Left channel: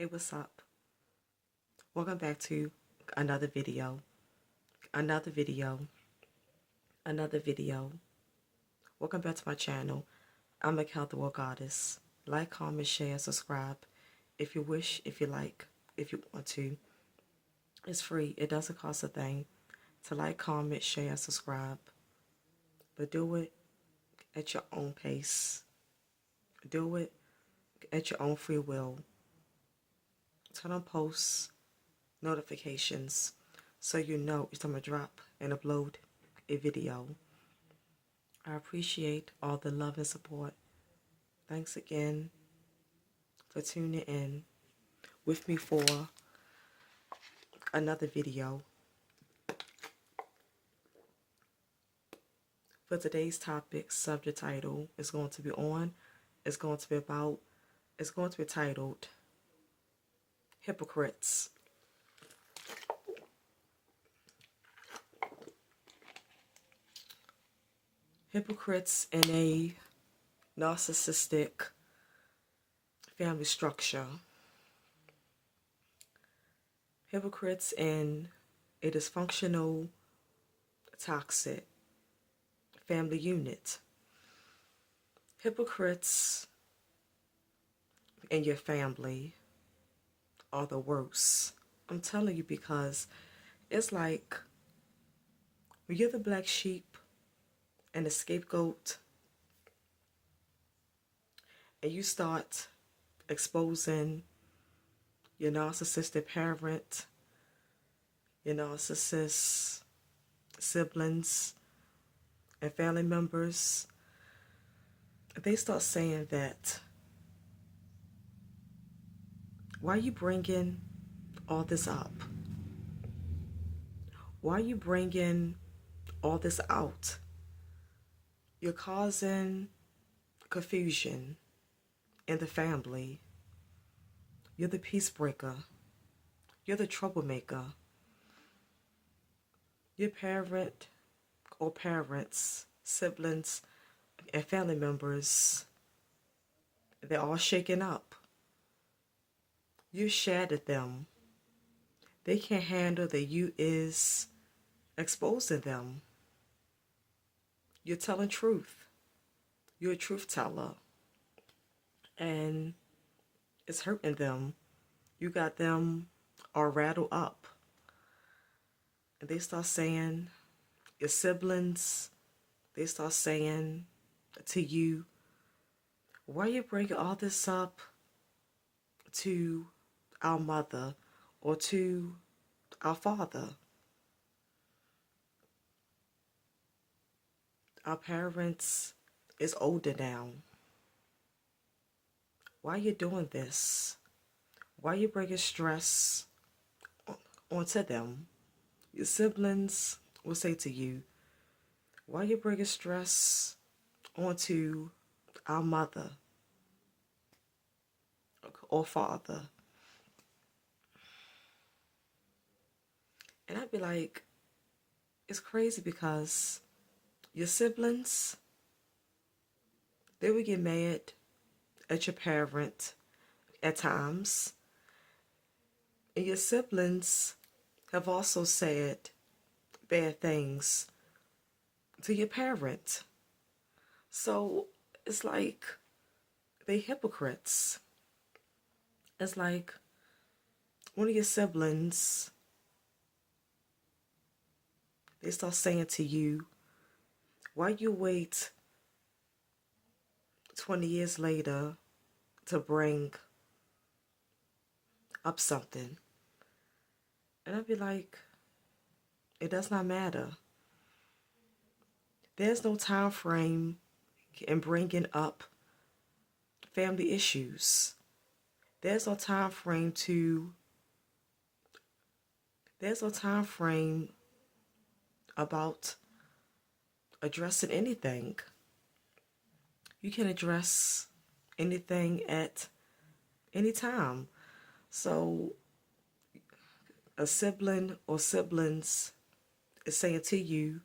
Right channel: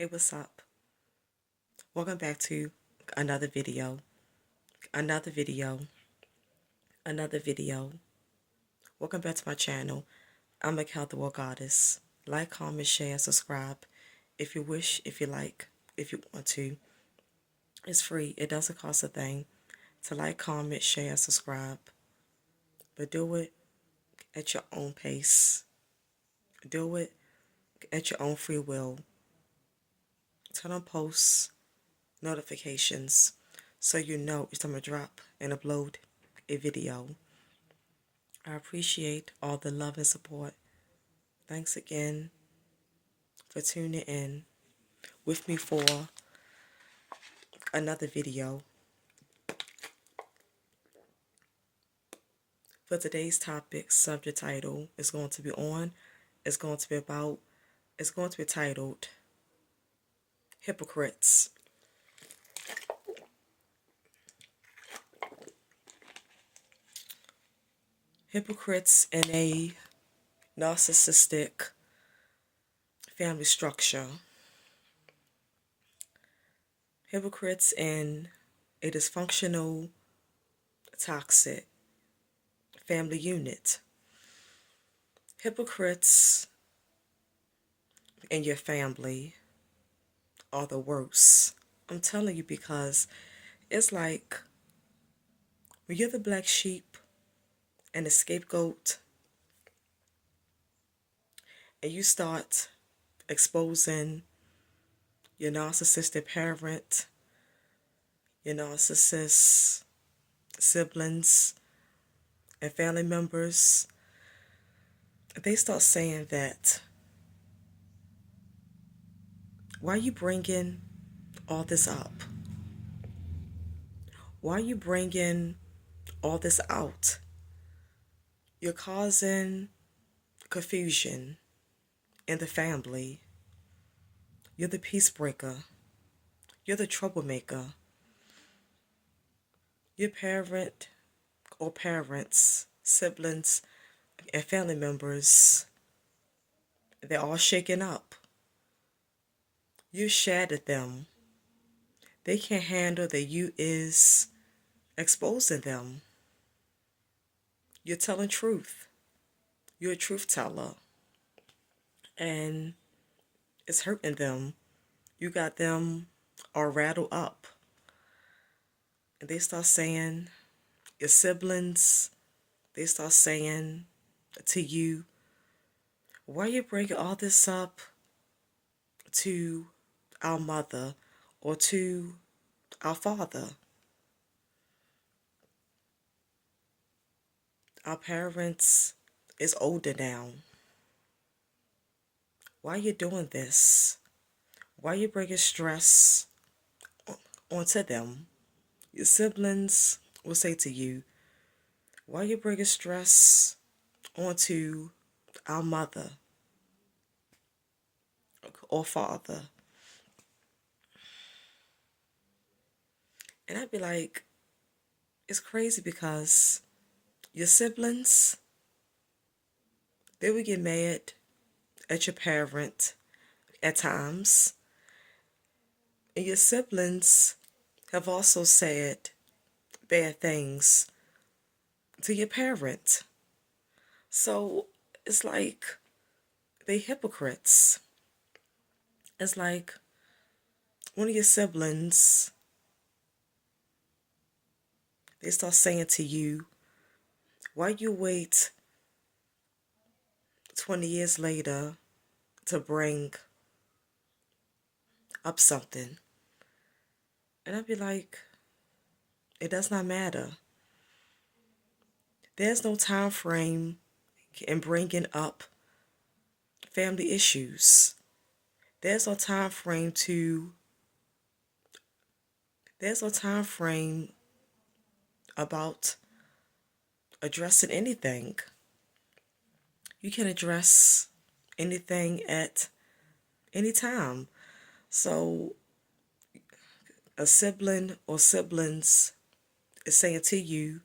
Hey, what's up? Welcome back to another video, another video, another video. Welcome back to my channel. I'm a Health World Goddess. Like, comment, share, subscribe if you wish, if you like, if you want to. It's free. It doesn't cost a thing to like, comment, share, subscribe. But do it at your own pace. Do it at your own free will. Turn on posts, notifications, so you know it's time to drop and upload a video. I appreciate all the love and support. Thanks again for tuning in with me for another video. For today's topic, subject title is going to be titled Hypocrites. Hypocrites in a narcissistic family structure. Hypocrites in a dysfunctional, toxic family unit. Hypocrites in your family are the worst. I'm telling you, because it's like when you're the black sheep and the scapegoat, and you start exposing your narcissistic parent, your narcissist siblings, and family members, they start saying that, why are you bringing all this up? Why are you bringing all this out? You're causing confusion in the family. You're the peace breaker. You're the troublemaker. Your parent or parents, siblings, and family members, they're all shaken up. You shattered them. They can't handle that you is exposing them. You're telling truth. You're a truth teller. And it's hurting them. You got them all rattled up. And they start saying, your siblings, they start saying to you, why are you bringing all this up to our mother or to our father? Our parents is older now. Why are you doing this? Why are you bringing stress onto them? Your siblings will say to you, why are you bringing stress onto our mother or father? And I'd be like, it's crazy, because your siblings, they would get mad at your parent at times. And your siblings have also said bad things to your parent. So it's like they hypocrites. It's like one of your siblings, they start saying to you, why you wait 20 years later to bring up something? And I'd be like, it does not matter. There's no time frame in bringing up family issues. There's no time frame about addressing anything. You can address anything at any time. So a sibling or siblings is saying to you,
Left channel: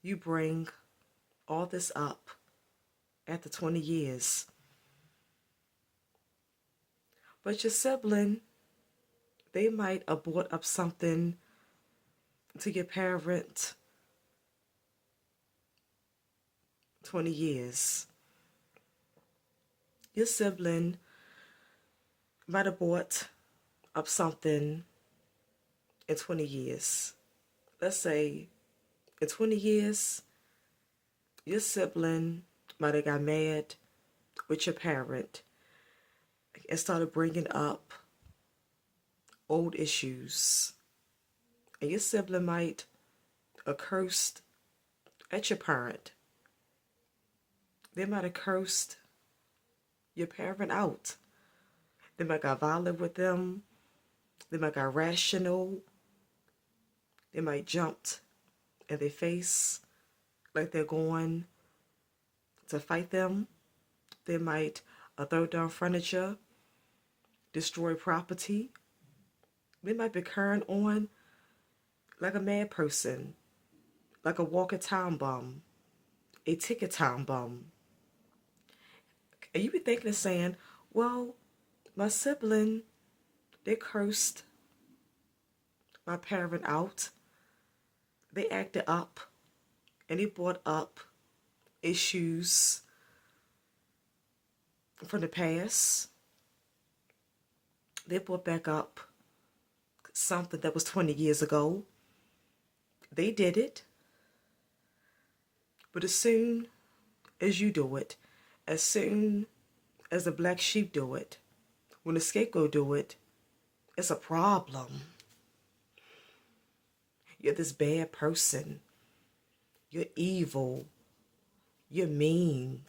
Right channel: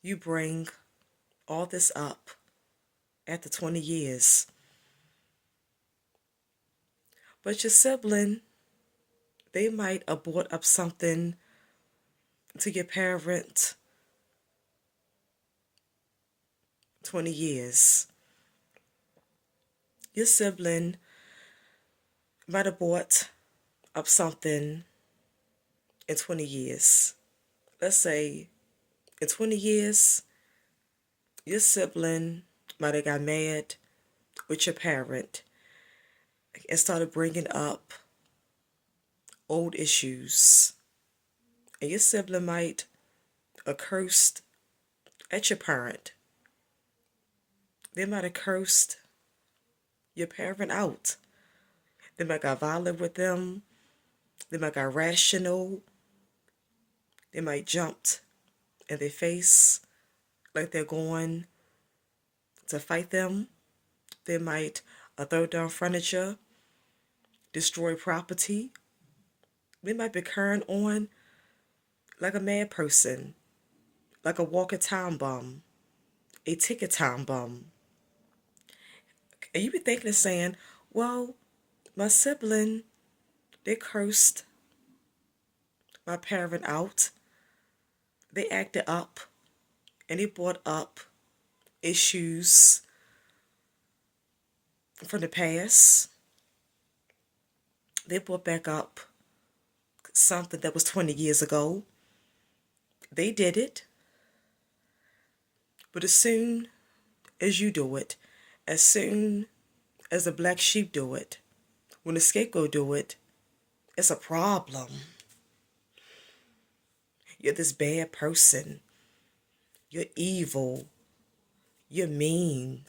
you bring all this up after 20 years. But your sibling, they might have brought up something to your parent 20 years. Your sibling might have brought up something in 20 years. Let's say in 20 years, your sibling might have got mad with your parent and started bringing up old issues. And your sibling might have cursed at your parent. They might have cursed your parent out. They might got violent with them. They might got rational. They might jumped in their face like they're going to fight them. They might throw down furniture, destroy property. They might be carrying on like a mad person, like a walking time bomb, a ticket time bomb. And you be thinking and saying, well, my sibling, they cursed my parent out. They acted up and they brought up issues from the past. They brought back up something that was 20 years ago. They did it. But as soon as you do it, as soon as the black sheep do it, when the scapegoat do it, it's a problem. You're this bad person. You're evil. You're mean.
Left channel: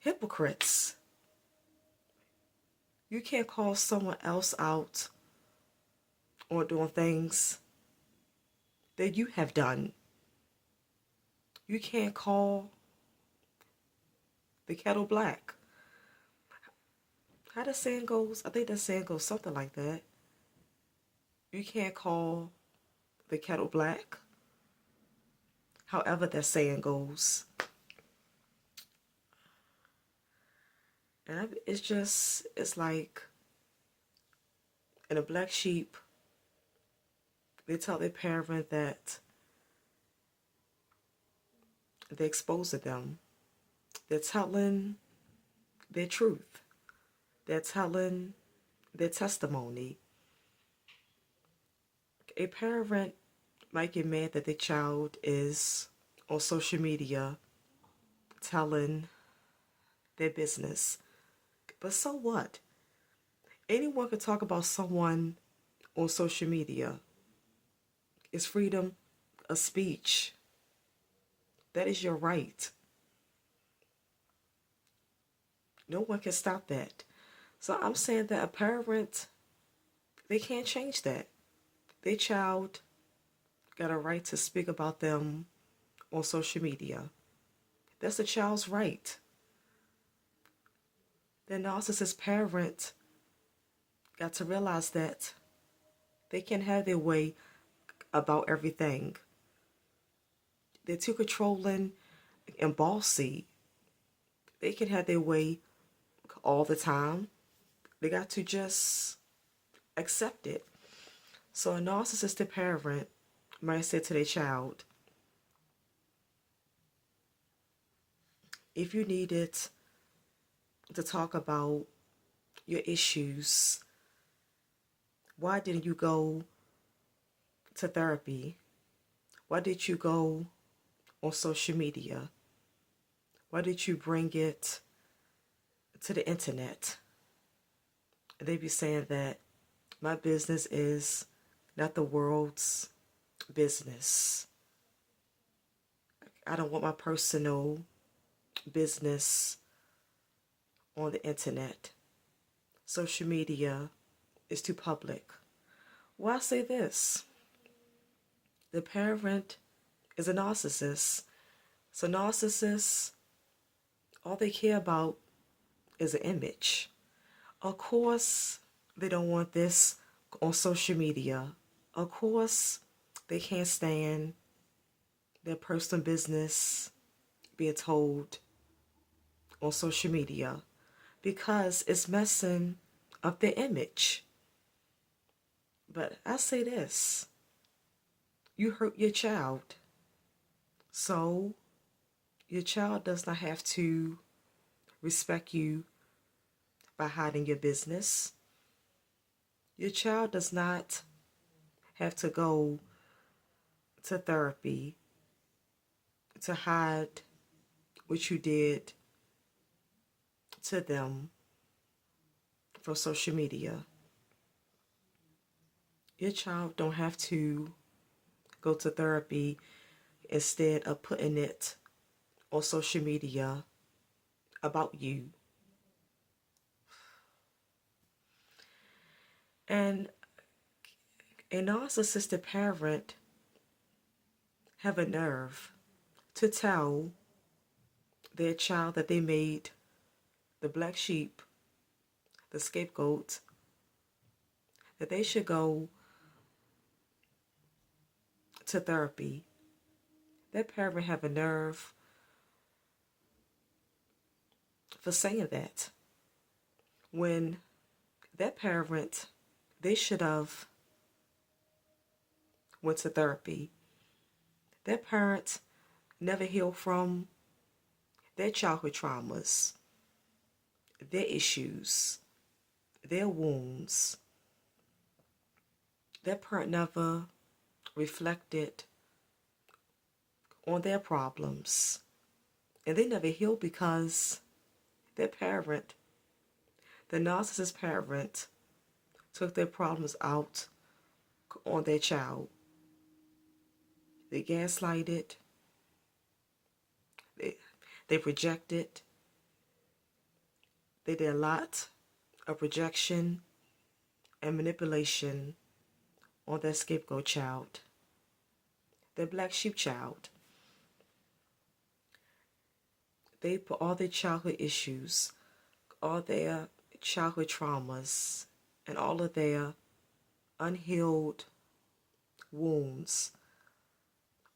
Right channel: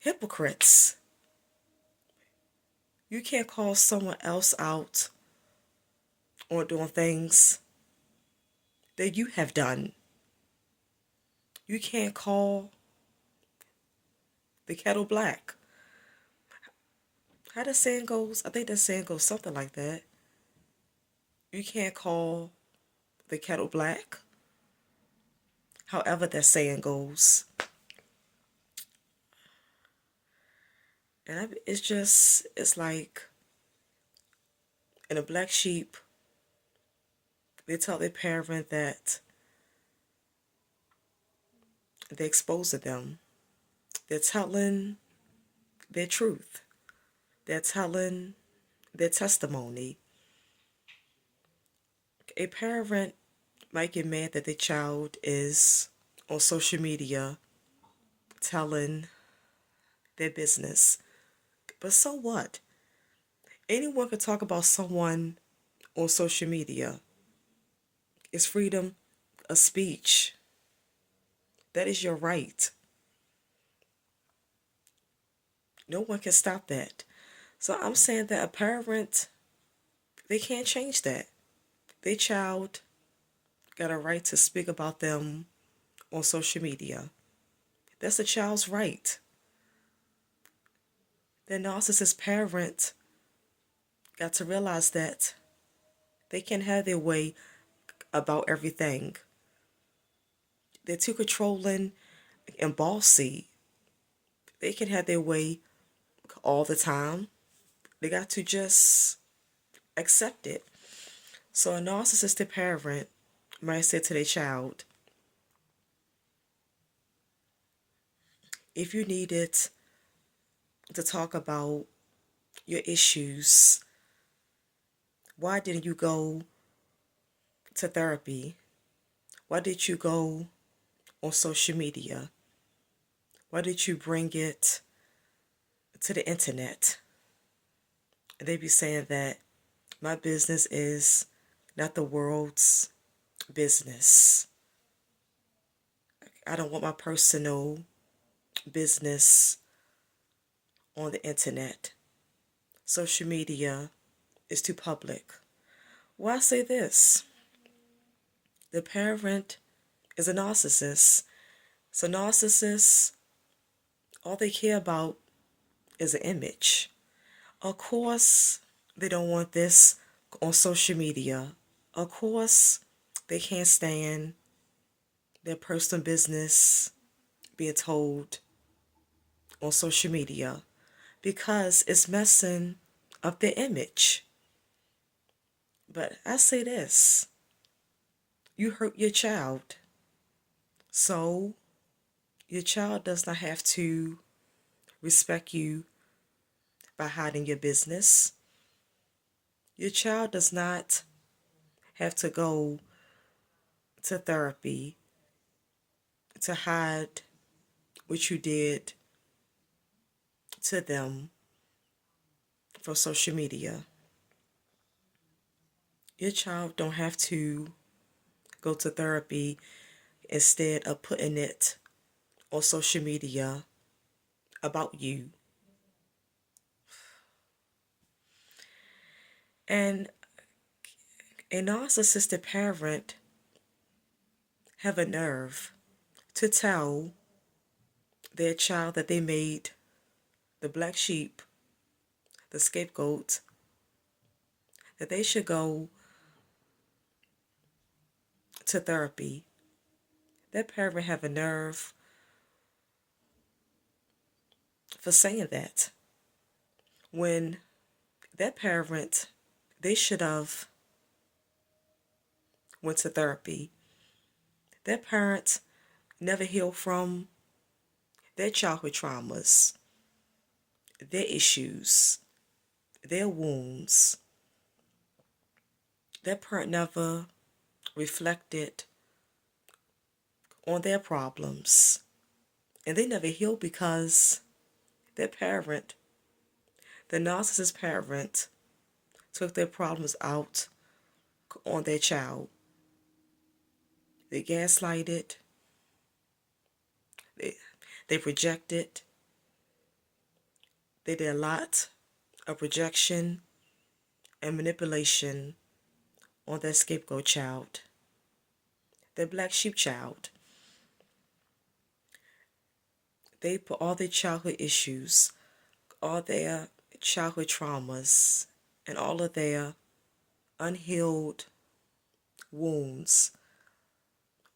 Hypocrites. You can't call someone else out on doing things that you have done. You can't call the kettle black. How the saying goes, I think that saying goes something like that. You can't call the kettle black. However that saying goes. And it's like, in a black sheep, they tell their parent that they're exposing them. They're telling their truth. They're telling their testimony. A parent might get mad that their child is on social media telling their business. But so what? Anyone can talk about someone on social media. It's freedom of speech. That is your right. No one can stop that. So I'm saying that a parent, they can't change that. Their child got a right to speak about them on social media. That's the child's right. The narcissist parent got to realize that they can't have their way about everything. They're too controlling and bossy. They can have their way all the time. They got to just accept it. So a narcissistic parent might say to their child, if you needed to talk about your issues, why didn't you go to therapy? Why did you go on social media? Why did you bring it to the internet? And they be saying that my business is not the world's business. I don't want my personal business on the internet. Social media is too public. Well, I say this. The parent is a narcissist. So narcissists, all they care about is an image. Of course, they don't want this on social media. Of course, they can't stand their personal business being told on social media because it's messing up their image. But I say this, you hurt your child. So your child does not have to respect you by hiding your business. Your child does not have to go to therapy to hide what you did to them from social media. Your child don't have to go to therapy instead of putting it on social media about you. And a narcissistic parent have a nerve to tell their child that they made the black sheep, the scapegoat, that they should go to therapy. That parent have a nerve for saying that when that parent, they should have went to therapy. That parent never healed from their childhood traumas, their issues, their wounds. That parent never reflected on their problems. And they never healed because their parent, the narcissist parent, took their problems out on their child. They gaslighted, they, they projected, they did a lot of projection and manipulation on their scapegoat child, their black sheep child. They put all their childhood issues, all their childhood traumas, and all of their unhealed wounds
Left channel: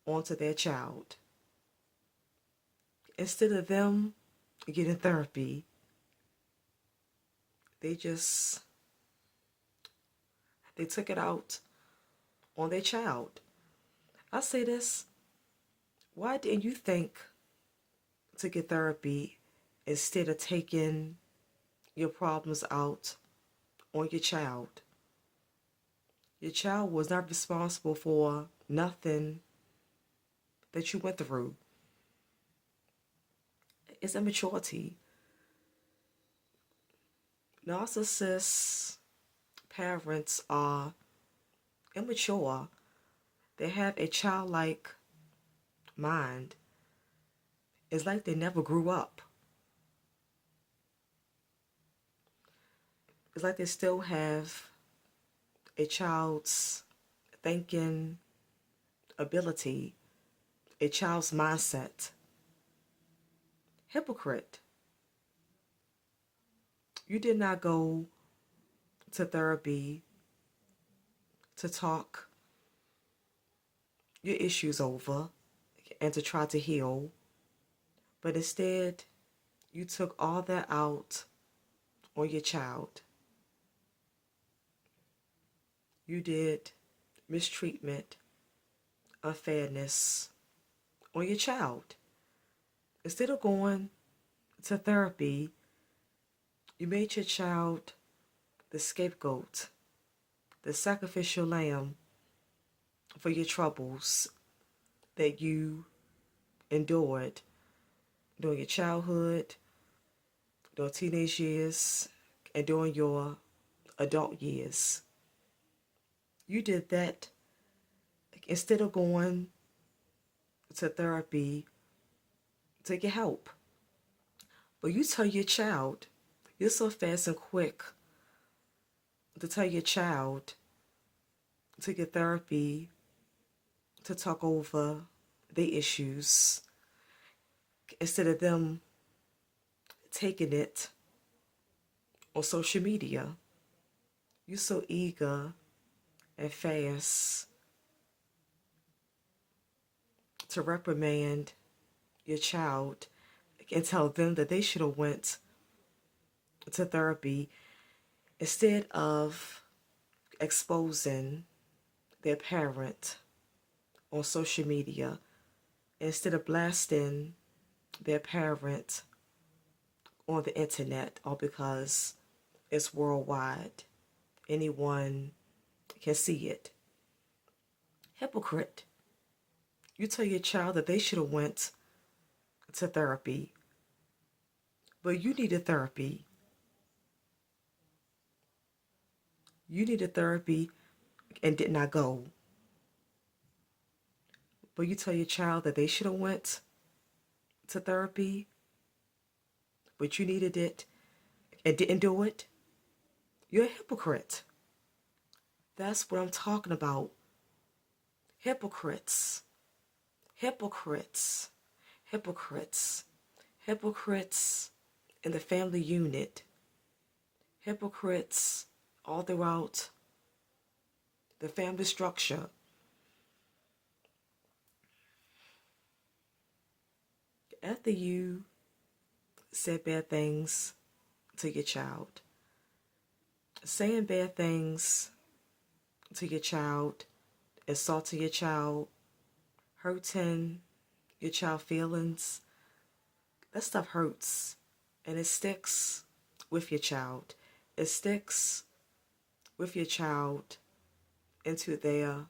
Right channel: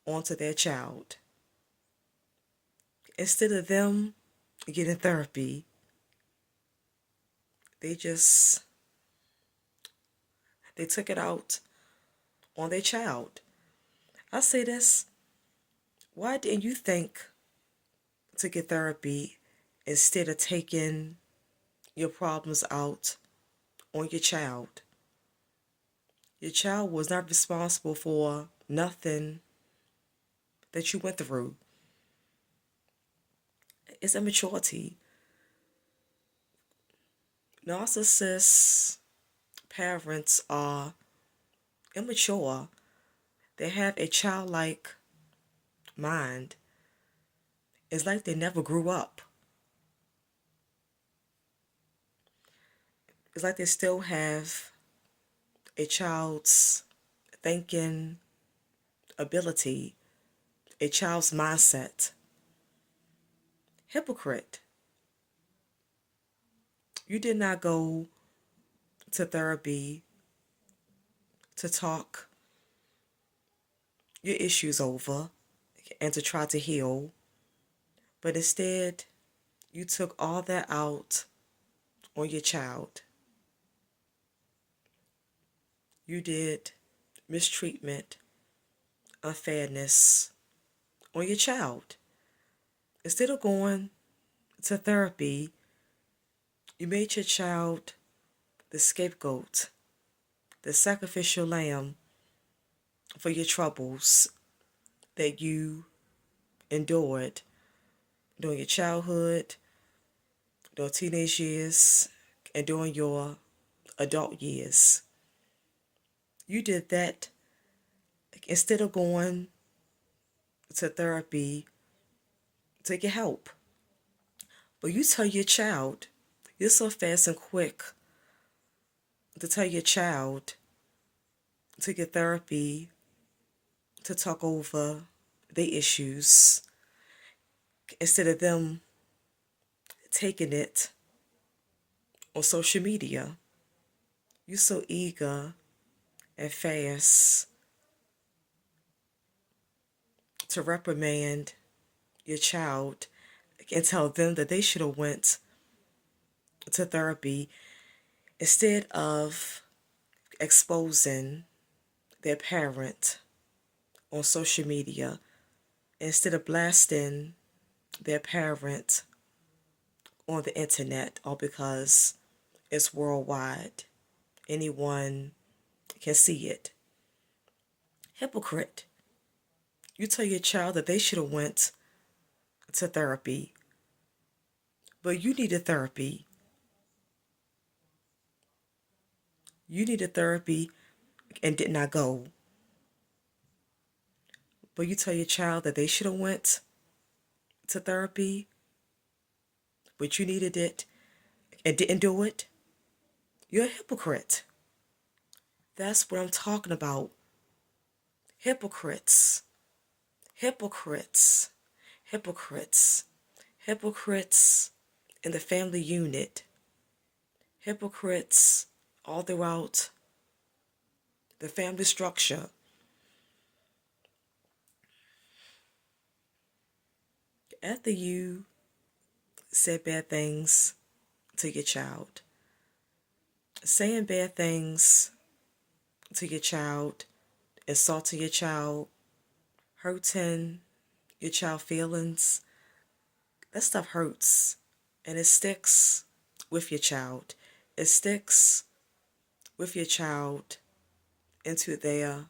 onto their child. Instead of them getting therapy, they took it out on their child. I say this, why didn't you think to get therapy instead of taking your problems out on your child? Your child was not responsible for nothing that you went through. It's immaturity. Narcissist parents are immature. They have a childlike mind. It's like they never grew up. It's like they still have a child's thinking ability, a child's mindset. Hypocrite. You did not go to therapy to talk your issues over and to try to heal, but instead you took all that out on your child. You did mistreatment, unfairness on your child. Instead of going to therapy, you made your child the scapegoat, the sacrificial lamb for your troubles that you endured during your childhood, during teenage years, and during your adult years. You did that instead of going to therapy to get help. But you tell your child, you're so fast and quick to tell your child to get therapy, to talk over their issues, instead of them taking it on social media. You're so eager and fast to reprimand your child and tell them that they should have went to therapy instead of exposing their parent on social media, instead of blasting their parent on the internet, or because it's worldwide. Anyone can see it. Hypocrite. You tell your child that they should have went to therapy, but you needed therapy. You needed therapy and did not go. But you tell your child that they should have went to therapy, but you needed it and didn't do it. You're a hypocrite. That's what I'm talking about. Hypocrites. Hypocrites. Hypocrites. Hypocrites in the family unit. Hypocrites all throughout the family structure. After you said bad things to your child, saying bad things to your child, insulting your child, hurting your child's feelings, that stuff hurts and it sticks with your child. It sticks with your child into their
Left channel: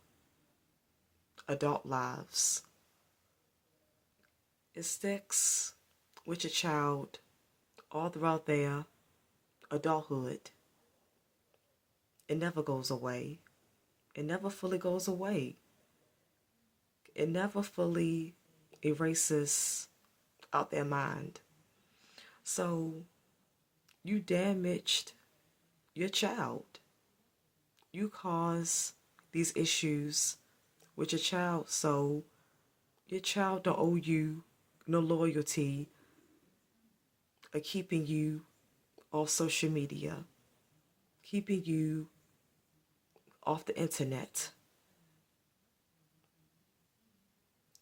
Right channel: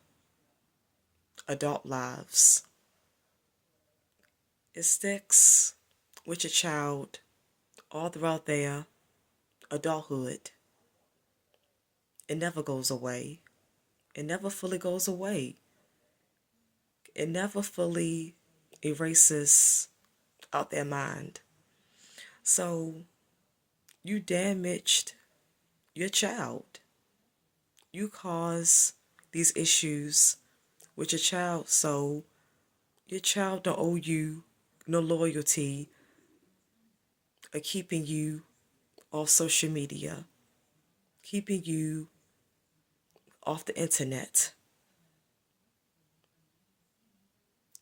adult lives. It sticks with your child all throughout their adulthood. It never goes away. It never fully goes away. It never fully erases out their mind. So you damaged your child. You caused these issues with your child, so your child don't owe you no loyalty or keeping you off social media, keeping you off the internet.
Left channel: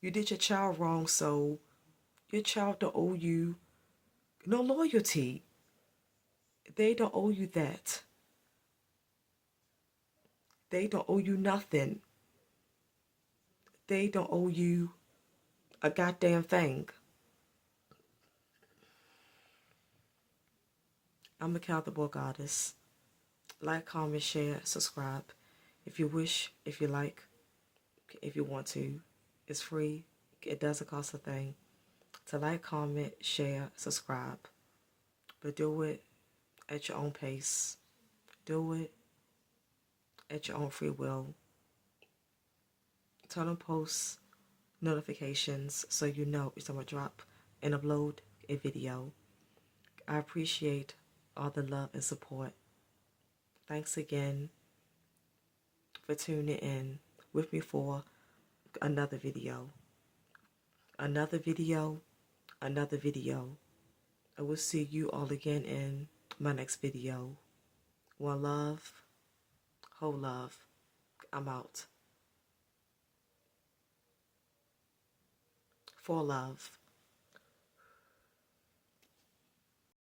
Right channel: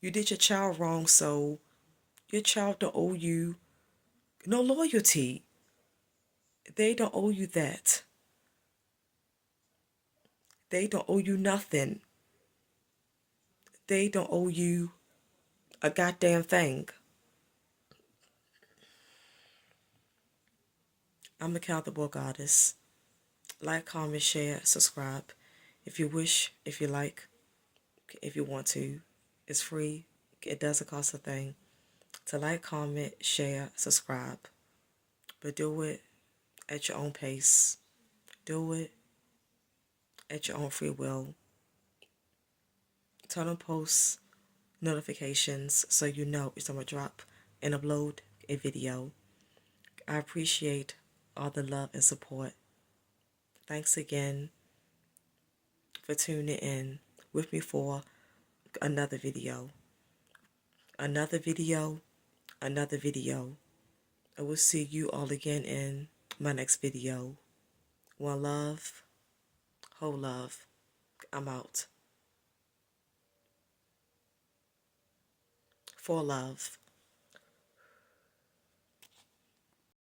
You did your child wrong, so your child don't owe you no loyalty. They don't owe you that. They don't owe you nothing. They don't owe you a goddamn thing. I'm Accountable Goddess. Like, comment, share, subscribe. If you wish, if you like, if you want to. It's free. It doesn't cost a thing. To like, comment, share, subscribe. But do it at your own pace. Do it at your own free will. Turn on post notifications so you know it's going to drop and upload a video. I appreciate all the love and support. Thanks again for tuning in with me for another video. Another video. Another video. I will see you all again in my next video. One love. Whole love. I'm out. For love.